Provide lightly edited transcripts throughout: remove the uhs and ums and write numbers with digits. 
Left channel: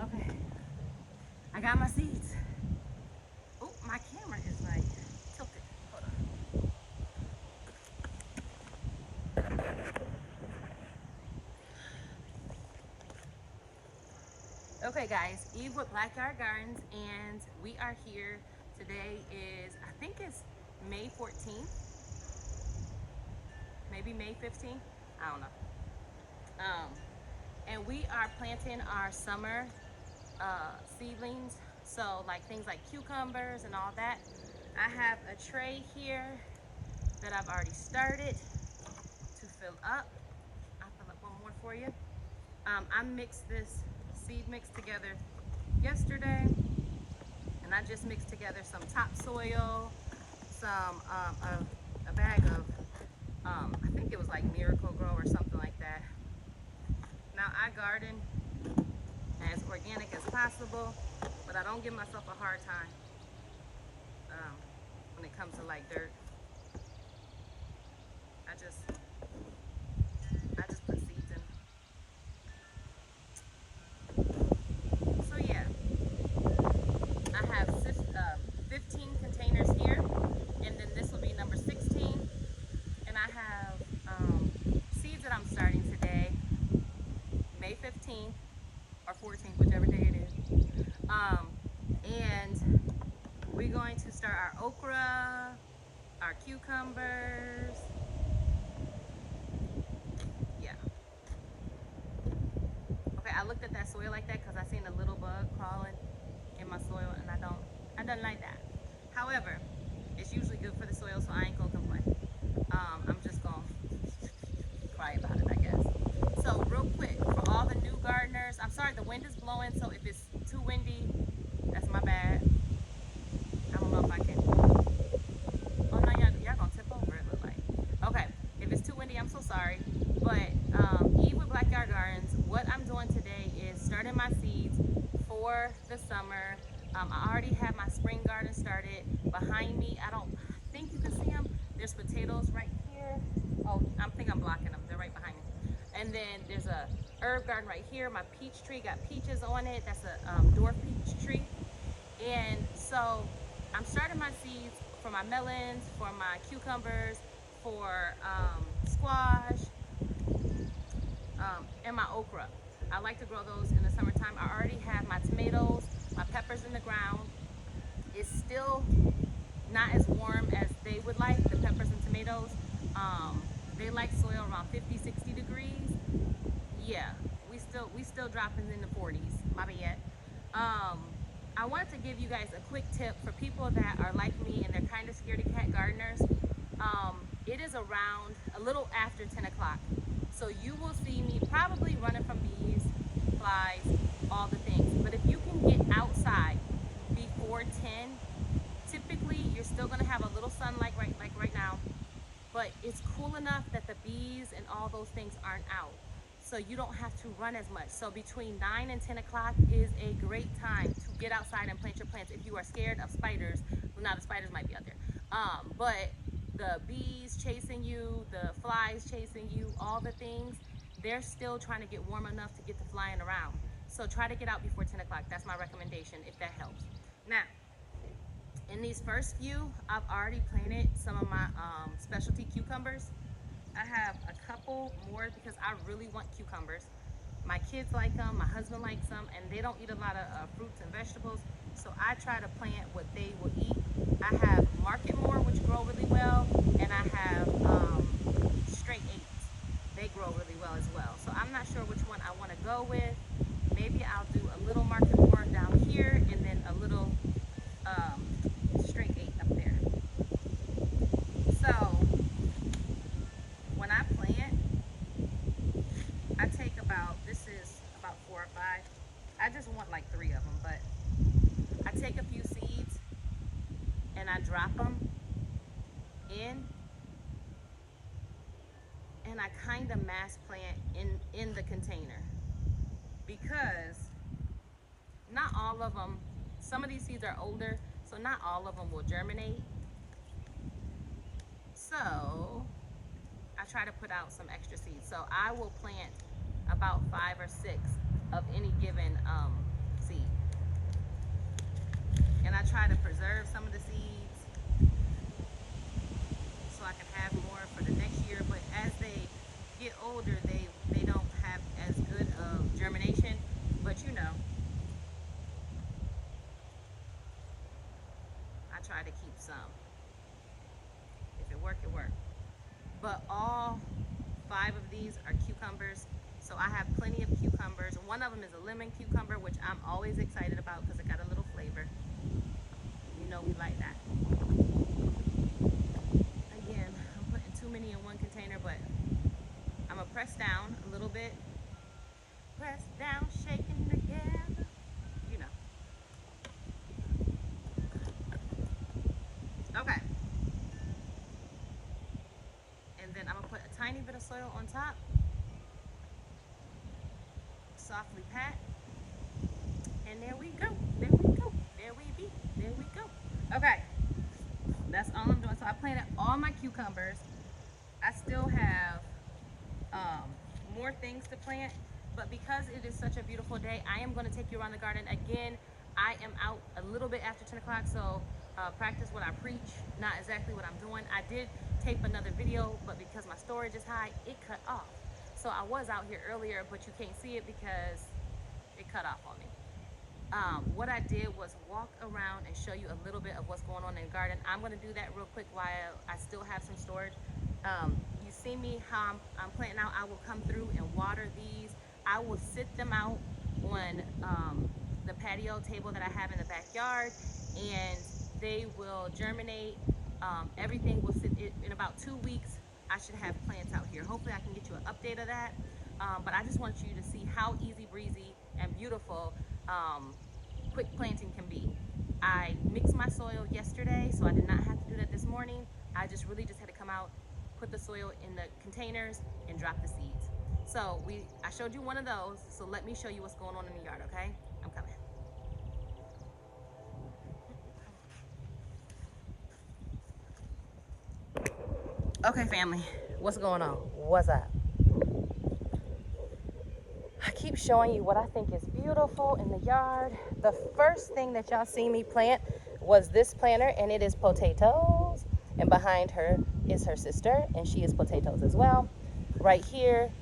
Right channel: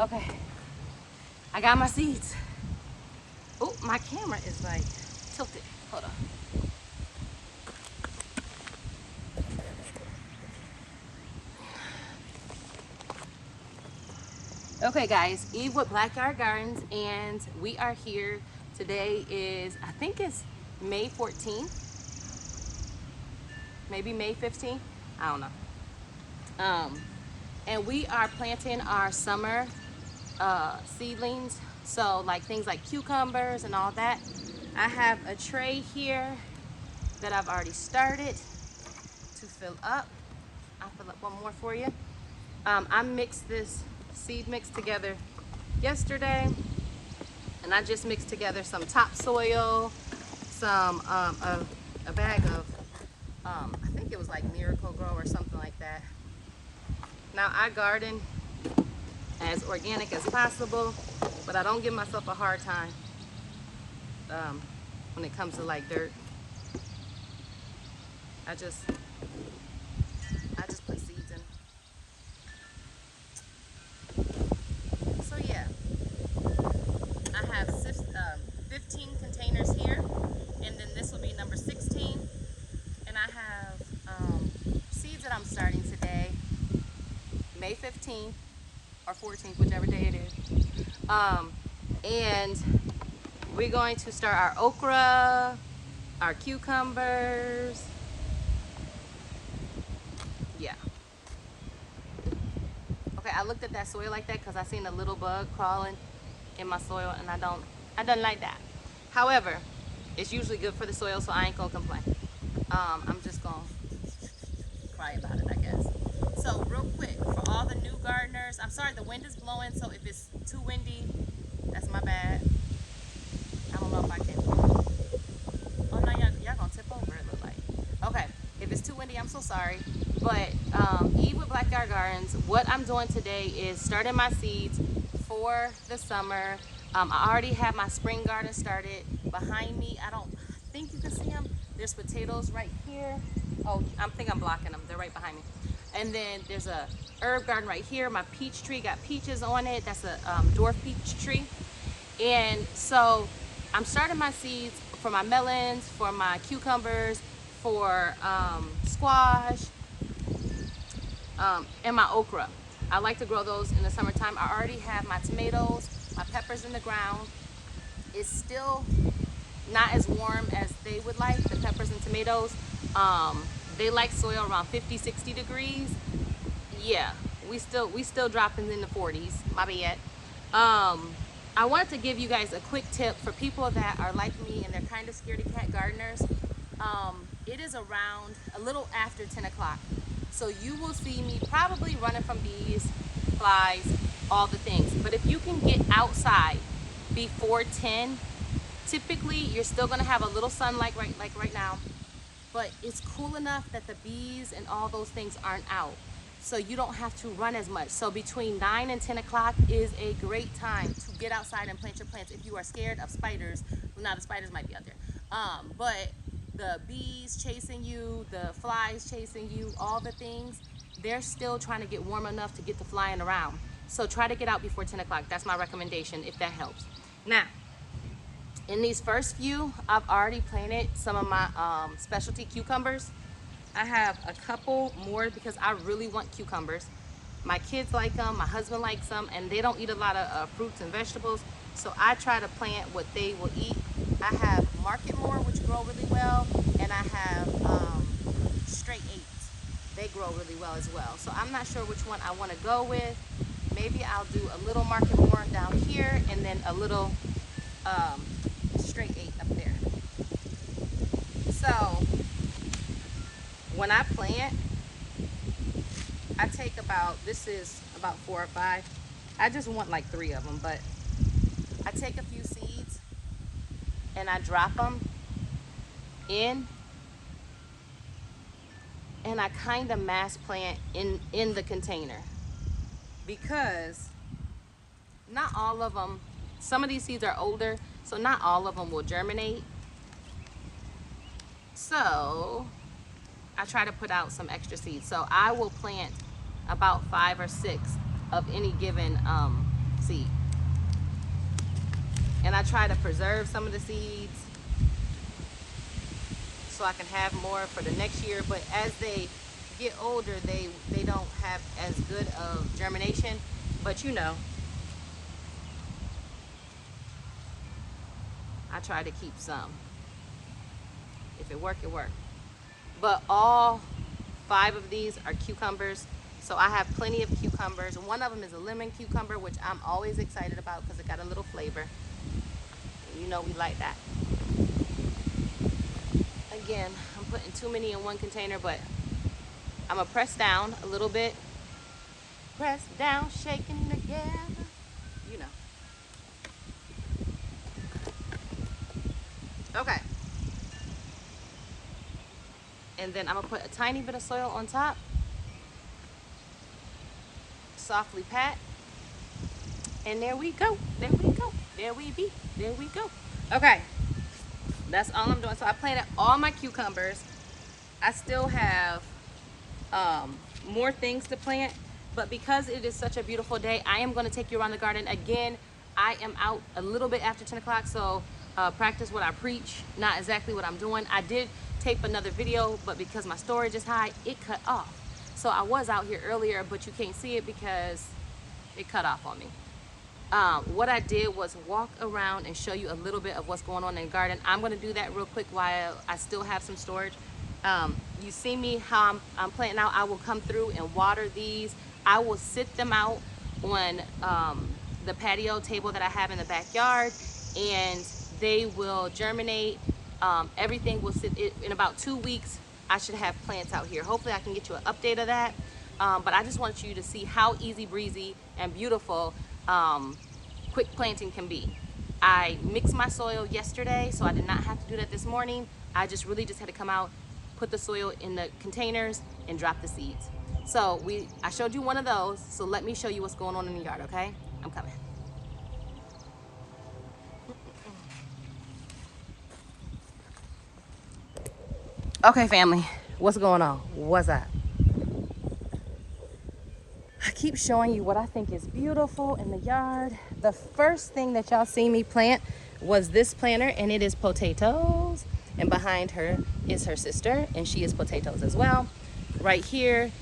Okay, I got my seeds. Oh, my camera is like tilted. Hold on. Okay guys, Eve with BlackYard Gardens, and we are here. Today is, I think it's May 14th, maybe May 15th, I don't know. And we are planting our summer seedlings, so like things like cucumbers and all that. I have a tray here that I've already started to fill up. I'll fill up one more for you. I mixed this seed mix together yesterday, and I just mixed together some topsoil, some a bag of I think it was like Miracle Grow or something like that. Now I garden as organic as possible, but I don't give myself a hard time when it comes to like dirt. I just put seeds in. So yeah, I have 15 containers here, and then this will be number 16. And I have seeds that I'm starting today, May 15th or 14th, whichever day it is. And we're going to start our okra, our cucumbers. Yeah. Okay, I looked at that soil like that because I seen a little bug crawling in my soil, and I don't like that. However, it's usually good for the soil, so I ain't gonna complain. I'm just gonna cry about it, I guess. So real quick, for all the new gardeners, I'm sorry the wind is blowing, so if it's too windy, that's my bad. I don't know if I can. Oh no, y'all gonna tip over, it look like. Okay, if it's too windy, I'm so sorry. But Eve with BlackYard Gardens, what I'm doing today is starting my seeds for the summer. I already have my spring garden started. Behind me, I think you can see them. There's potatoes right here. Oh, I think I'm blocking them. They're right behind me. And then there's a herb garden right here. My peach tree got peaches on it. That's a dwarf peach tree. And so I'm starting my seeds for my melons, for my cucumbers, for squash, and my okra. I like to grow those in the summertime. I already have my tomatoes, my peppers in the ground. It's still not as warm as they would like, the peppers and tomatoes. They like soil around 50, 60 degrees. Yeah, we still dropping in the 40s, my bad. I wanted to give you guys a quick tip for people that are like me and they're kind of scaredy cat gardeners. It is around a little after 10 o'clock. So you will see me probably running from bees, flies, all the things. But if you can get outside before 10, typically you're still gonna have a little sunlight like right now, but it's cool enough that the bees and all those things aren't out. So you don't have to run as much. So between 9 and 10 o'clock is a great time to get outside and plant your plants. If you are scared of spiders, well, now the spiders might be out there, but the bees chasing you, the flies chasing you, all the things, they're still trying to get warm enough to get to flying around. So try to get out before 10 o'clock. That's my recommendation, if that helps. Now, in these first few, I've already planted some of my specialty cucumbers. I have a couple more because I really want cucumbers. My kids like them, my husband likes them, and they don't eat a lot of fruits and vegetables, so I try to plant what they will eat. I have Market More, which grow really well, and I have Straight 8s. They grow really well as well. So I'm not sure which one I want to go with. Maybe I'll do a little Market More down here, and then a little Straight 8 up there. So when I plant, I take this is about 4 or 5. I just want like 3 of them, but I take a few seeds and I drop them in, and I kind of mass plant in the container, because not all of them, some of these seeds are older, so not all of them will germinate. So I try to put out some extra seeds. So I will plant about 5 or 6 of any given seed. And I try to preserve some of the seeds so I can have more for the next year. But as they get older, they don't have as good of germination. But you know, I try to keep some. If it work, it work. But all 5 of these are cucumbers. So I have plenty of cucumbers. One of them is a lemon cucumber, which I'm always excited about because it got a little flavor. You know we like that. Again, I'm putting too many in one container, but I'm gonna press down a little bit. Press down, shaking together. You know. Okay. And then I'm gonna put a tiny bit of soil on top. Softly pat. And there we go. There we go. There we be. There we go. Okay. That's all I'm doing. So I planted all my cucumbers. I still have more things to plant, but because it is such a beautiful day, I am going to take you around the garden again. I am out a little bit after 10 o'clock, so practice what I preach, not exactly what I'm doing. I did tape another video, but because my storage is high, it cut off. So I was out here earlier, but you can't see it because it cut off on me. What I did was walk around and show you a little bit of what's going on in the garden. I'm going to do that real quick while I still have some storage. You see me how I'm planting out. I will come through and water these. I will sit them out on the patio table that I have in the backyard, and they will germinate. Everything will sit in about 2 weeks. I should have plants out here. Hopefully I can get you an update of that. But I just want you to see how easy breezy and beautiful quick planting can be. I mixed my soil yesterday, so I did not have to do that this morning. I really just had to come out, put the soil in the containers, and drop the seeds. So I showed you one of those, so let me show you what's going on in the yard, okay? I'm coming. Okay, family, what's going on? What's up? I keep showing you what I think is beautiful in the yard. The first thing that y'all see me plant was this planter, and it is potatoes. And behind her is her sister, and she is potatoes as well. Right here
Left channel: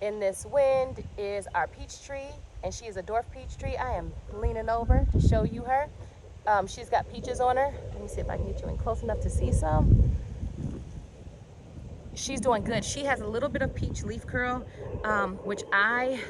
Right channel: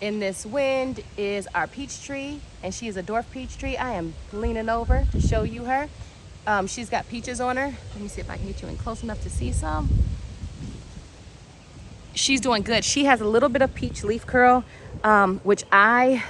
in this wind is our peach tree, and she is a dwarf peach tree. I am leaning over to show you her. She's got peaches on her. Let me see if I can get you in close enough to see some. She's doing good. She has a little bit of peach leaf curl, which I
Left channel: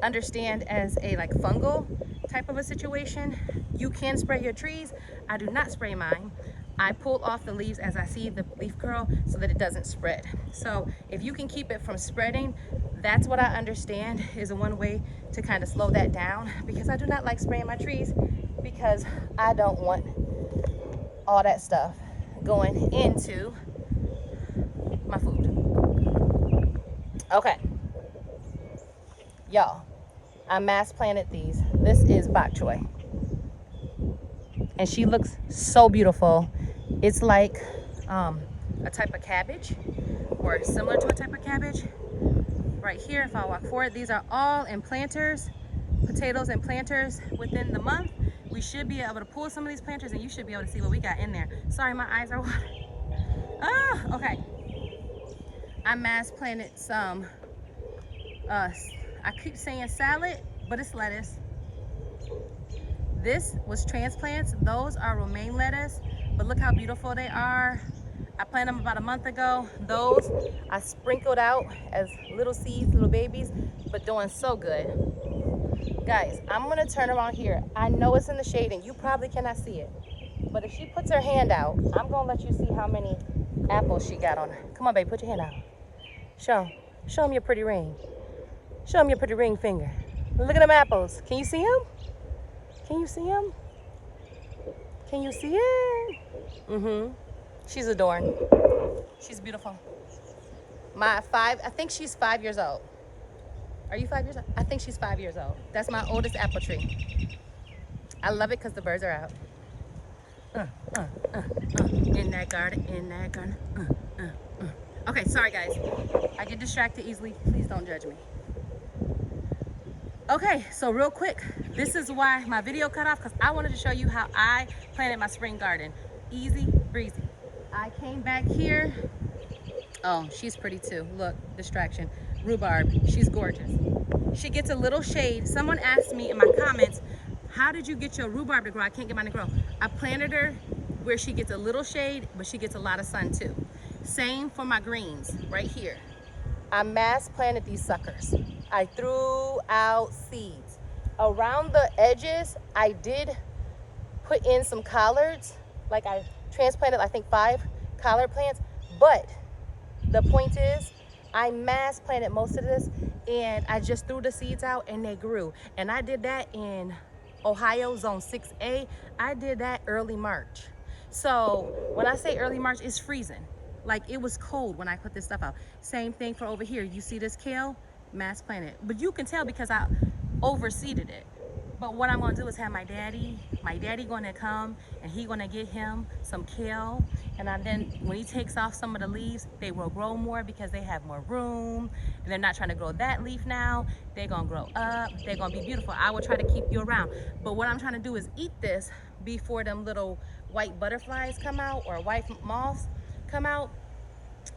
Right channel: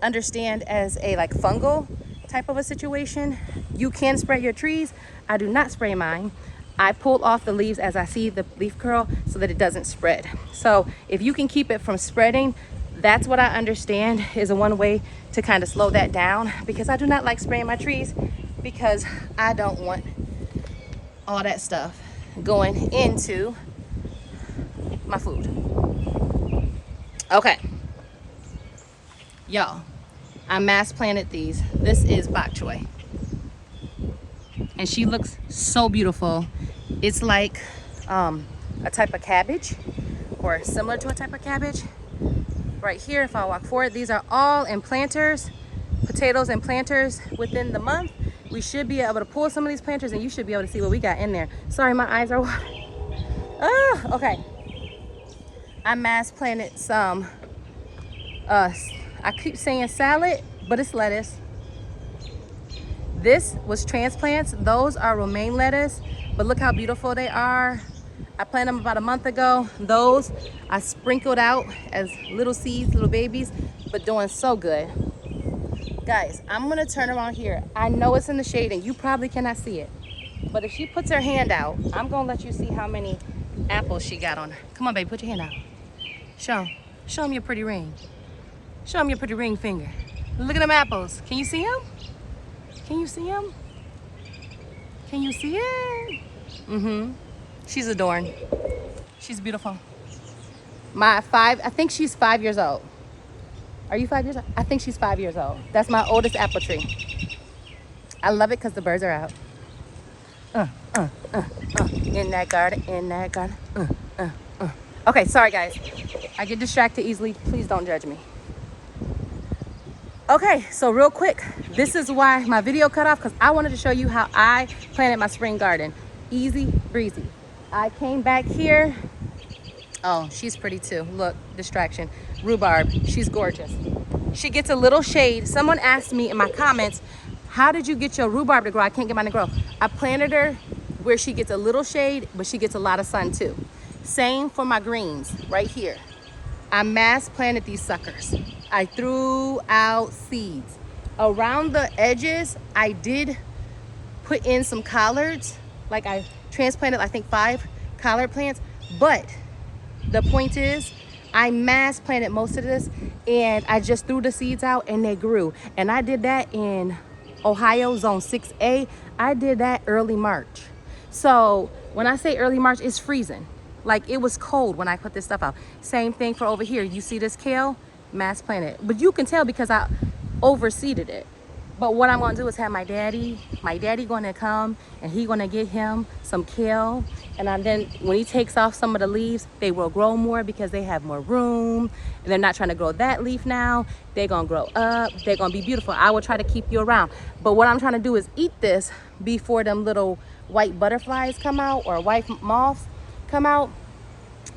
understand as a like fungal type of a situation. You can spray your trees. I do not spray mine. I pull off the leaves as I see the leaf curl so that it doesn't spread. So if you can keep it from spreading, that's what I understand is a one way to kind of slow that down, because I do not like spraying my trees because I don't want all that stuff going into my food. Okay, y'all, I mass planted these. This is bok choy, and she looks so beautiful. It's like a type of cabbage, or similar to a type of cabbage. Right here, if I walk forward, these are all in planters, potatoes and planters. Within the month, we should be able to pull some of these planters, and you should be able to see what we got in there. Sorry, my eyes are watering. Oh, okay. I mass planted some, I keep saying salad, but it's lettuce. This was transplants. Those are romaine lettuce, but look how beautiful they are. I planted them about a month ago. Those I sprinkled out as little seeds, little babies, but doing so good. Guys, I'm gonna turn around here. I know it's in the shade and you probably cannot see it, but if she puts her hand out, I'm gonna let you see how many apples she got on her. Come on, baby, put your hand out. Show them your pretty ring. Show them your pretty ring finger. Look at them apples. Can you see them? Can you see them? Can you see it? Mm-hmm. She's adorned. She's beautiful. I think she's 5 years old. Are you 5 years old? I think she's 5 years old. That's my oldest apple tree. I love it because the birds are out. In that garden, in that garden. Okay, sorry guys. I get distracted easily. Please don't judge me. Okay, so real quick, this is why my video cut off, because I wanted to show you how I planted my spring garden. Easy breezy. I came back here. Oh, she's pretty too. Look, distraction. Rhubarb, she's gorgeous. She gets a little shade. Someone asked me in my comments, how did you get your rhubarb to grow? I can't get mine to grow. I planted her where she gets a little shade, but she gets a lot of sun too. Same for my greens right here. I mass planted these suckers. I threw out seeds. Around the edges, I did put in some collards. Like I transplanted, I think 5 collard plants. But the point is, I mass planted most of this and I just threw the seeds out and they grew. And I did that in Ohio, zone 6A. I did that early March. So when I say early March, it's freezing. Like it was cold when I put this stuff out. Same thing for over here. You see this kale? Mass planted. But you can tell because I overseeded it. But what I'm gonna do is have my daddy gonna come and he gonna get him some kale. And then when he takes off some of the leaves, they will grow more because they have more room. And they're not trying to grow that leaf now. They're gonna grow up, they're gonna be beautiful. I will try to keep you around. But what I'm trying to do is eat this before them little white butterflies come out or white moths come out.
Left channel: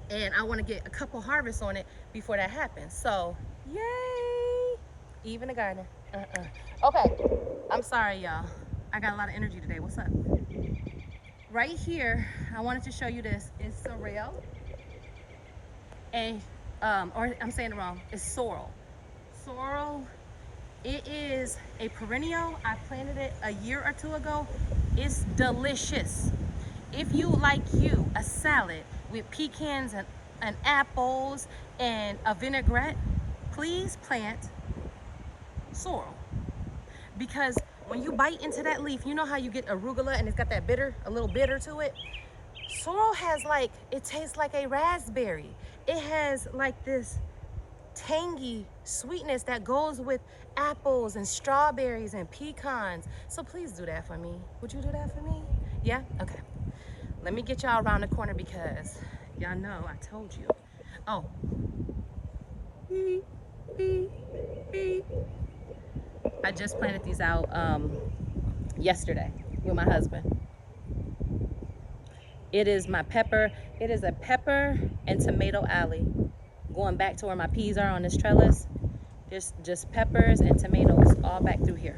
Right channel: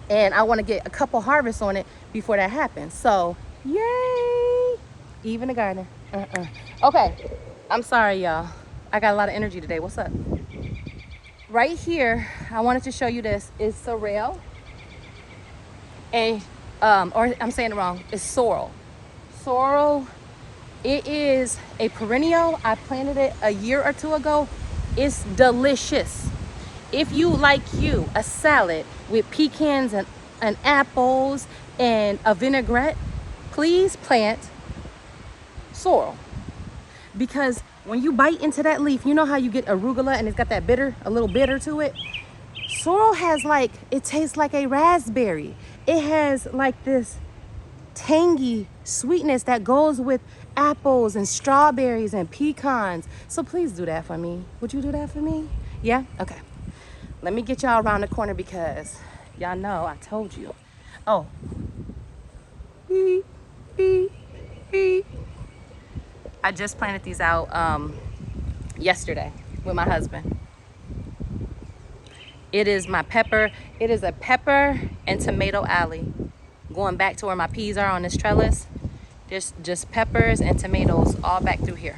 And I wanna get a couple harvests on it before that happens. So, yay! Even the garden. Okay, I'm sorry y'all. I got a lot of energy today. What's up? Right here, I wanted to show you this. It's sorrel. And, or I'm saying it wrong. It's sorrel. Sorrel, it is a perennial. I planted it a year or 2 ago. It's delicious. If you like a salad with pecans and apples and a vinaigrette, please plant sorrel. Because when you bite into that leaf, you know how you get arugula and it's got that bitter, a little bitter to it? Sorrel has like, it tastes like a raspberry. It has like this tangy sweetness that goes with apples and strawberries and pecans. So please do that for me. Would you do that for me? Yeah? Okay. Let me get y'all around the corner because y'all know I told you. Oh. Beep, beep, beep. I just planted these out yesterday with my husband. It is my pepper. It is a pepper and tomato alley. Going back to where my peas are on this trellis. Just peppers and tomatoes all back through here.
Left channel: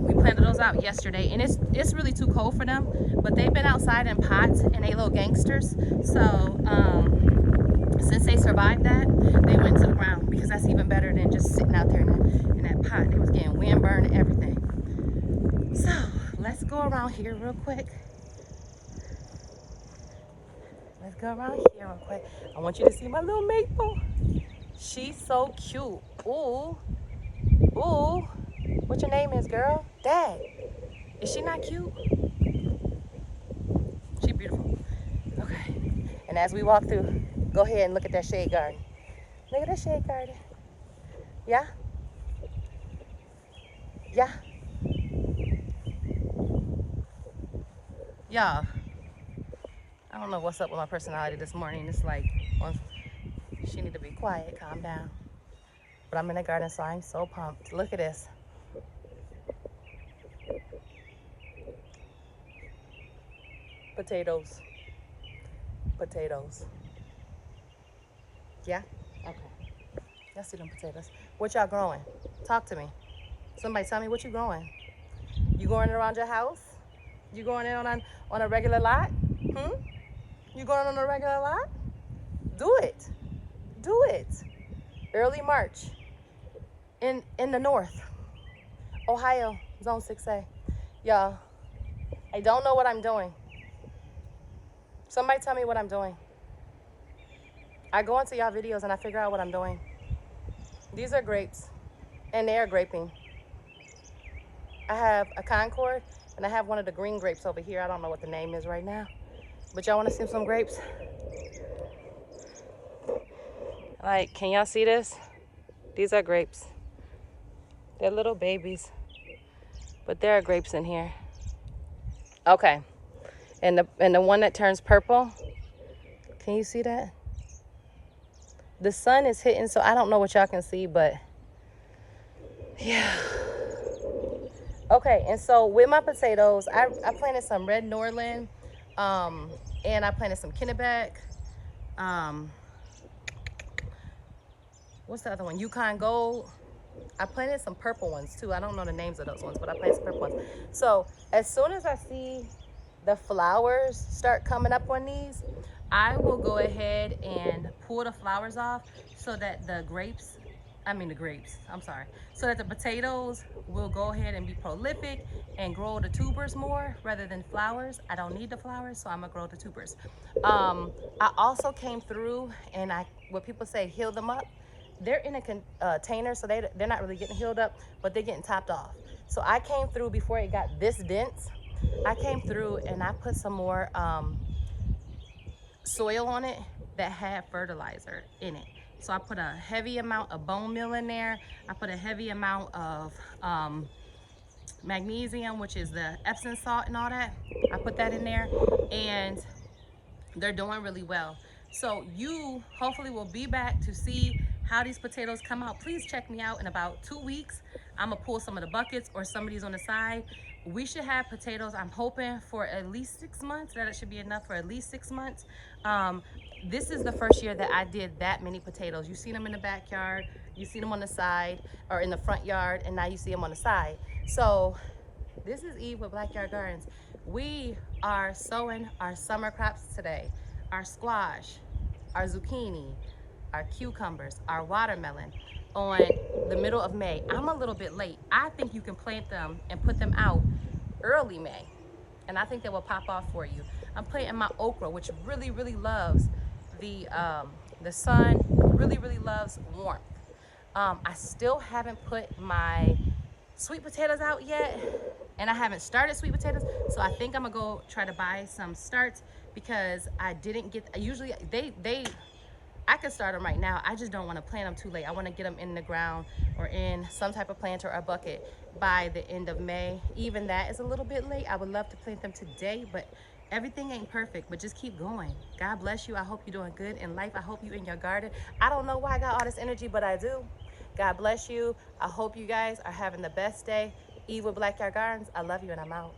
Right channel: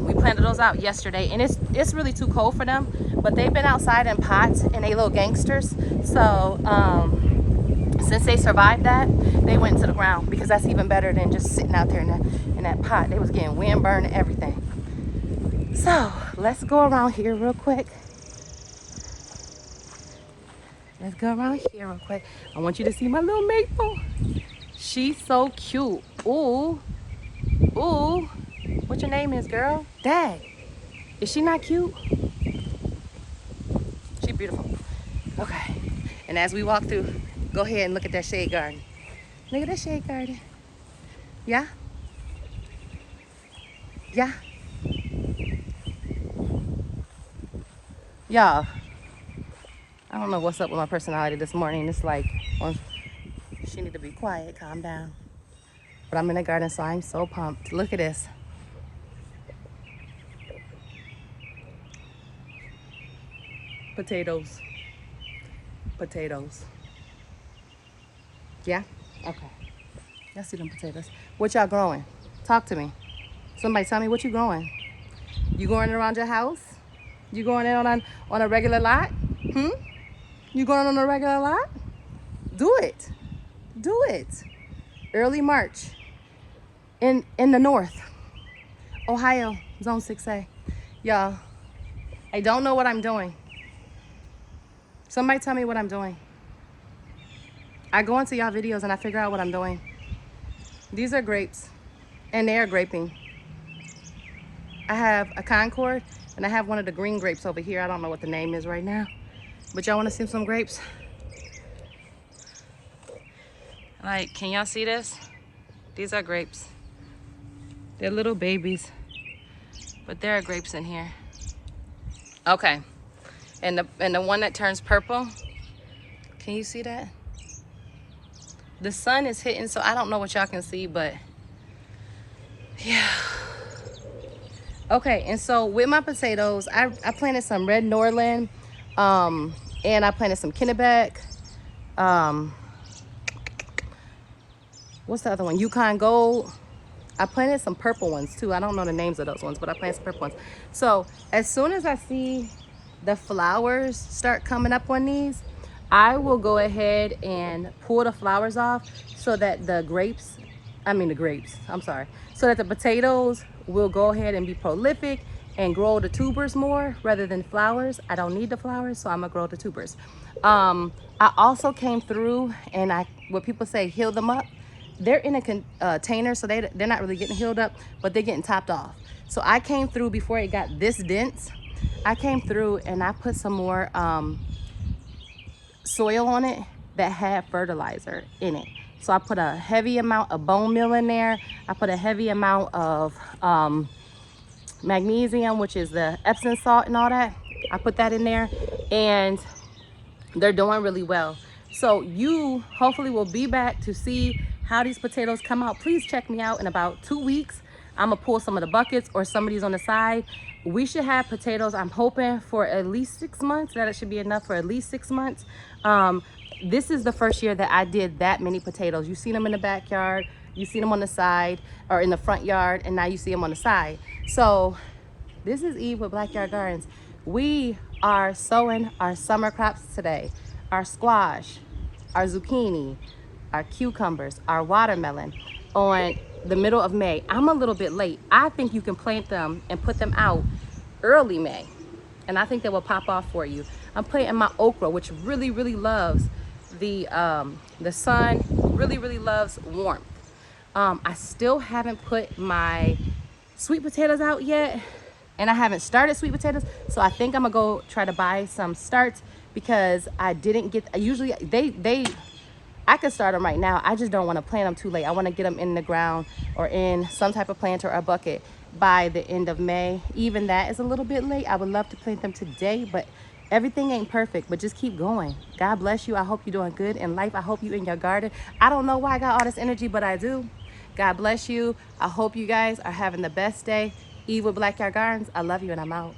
We planted those out yesterday and it's really too cold for them, but they've been outside in pots and they little gangsters. So since they survived that, they went to the ground because that's even better than just sitting out there in that pot. They was getting wind burned and everything. So let's go around here real quick. Let's go around here real quick. I want you to see my little maple. She's so cute. Ooh, ooh. What your name is, girl? Dad. Is she not cute? She's beautiful. Okay. And as we walk through, go ahead and look at that shade garden. Look at that shade garden. Yeah? Yeah? Y'all, I don't know what's up with my personality this morning. It's like, she need to be quiet, calm down. But I'm in the garden, so I'm so pumped. Look at this. Potatoes. Potatoes. Yeah? Okay. Y'all see them potatoes. What y'all growing? Talk to me. Somebody tell me what you growing. You going around your house? You going in on a regular lot? You going on a regular lot? Do it. Do it. Early March. In the north. Ohio, zone 6A. Y'all, I don't know what I'm doing. Somebody tell me what I'm doing. I go into y'all videos and I figure out what I'm doing. These are grapes and they are graping. I have a Concord and I have one of the green grapes over here. I don't know what the name is right now, but y'all want to see some grapes? Like, can y'all see this? These are grapes. They're little babies, but there are grapes in here. Okay. And the one that turns purple, can you see that? The sun is hitting, so I don't know what y'all can see, but Okay, and so with my potatoes, I planted some red Norland, and I planted some Kennebec. Um, what's the other one? Yukon Gold. I planted some purple ones too. I don't know the names of those ones, but I planted some purple ones. So as soon as I see the flowers start coming up on these, I will go ahead and pull the flowers off so that so that the potatoes will go ahead and be prolific and grow the tubers more rather than flowers. I don't need the flowers, so I'm gonna grow the tubers. I also came through and what people say, heal them up. They're in a container, so they're not really getting healed up, but they're getting topped off. So I came through before it got this dense. I came through and I put some more soil on it that had fertilizer in it. So I put a heavy amount of bone meal in there. I put a heavy amount of magnesium, which is the Epsom salt and all that. I put that in there and they're doing really well. So you hopefully will be back to see how these potatoes come out. Please check me out in about 2 weeks. I'm gonna pull some of the buckets or some of these on the side. We should have potatoes, I'm hoping, for at least 6 months. That it should be enough for at least 6 months. This is the first year that I did that many potatoes. You've seen them in the backyard, you've seen them on the side or in the front yard, and now you see them on the side. So this is Eve with BlackYard Gardens. We are sowing our summer crops today. Our squash, our zucchini, our cucumbers, our watermelon on the middle of May. I'm a little bit late. I think you can plant them and put them out early May. And I think they will pop off for you. I'm planting my okra, which really, really loves the sun, really loves warmth. I still haven't put my sweet potatoes out yet, and I haven't started sweet potatoes, so I think I'm gonna go try to buy some starts because I didn't get, usually I could start them right now. I just don't want to plant them too late. I want to get them in the ground or in some type of planter or bucket by the end of May. Even that is a little bit late. I would love to plant them today, but everything ain't perfect, but just keep going. God bless you. I hope you're doing good in life. I hope you in your garden. I don't know why I got all this energy, but I do. God bless you. I hope you guys are having the best day. Eve with BlackYard Gardens. I love you and I'm out.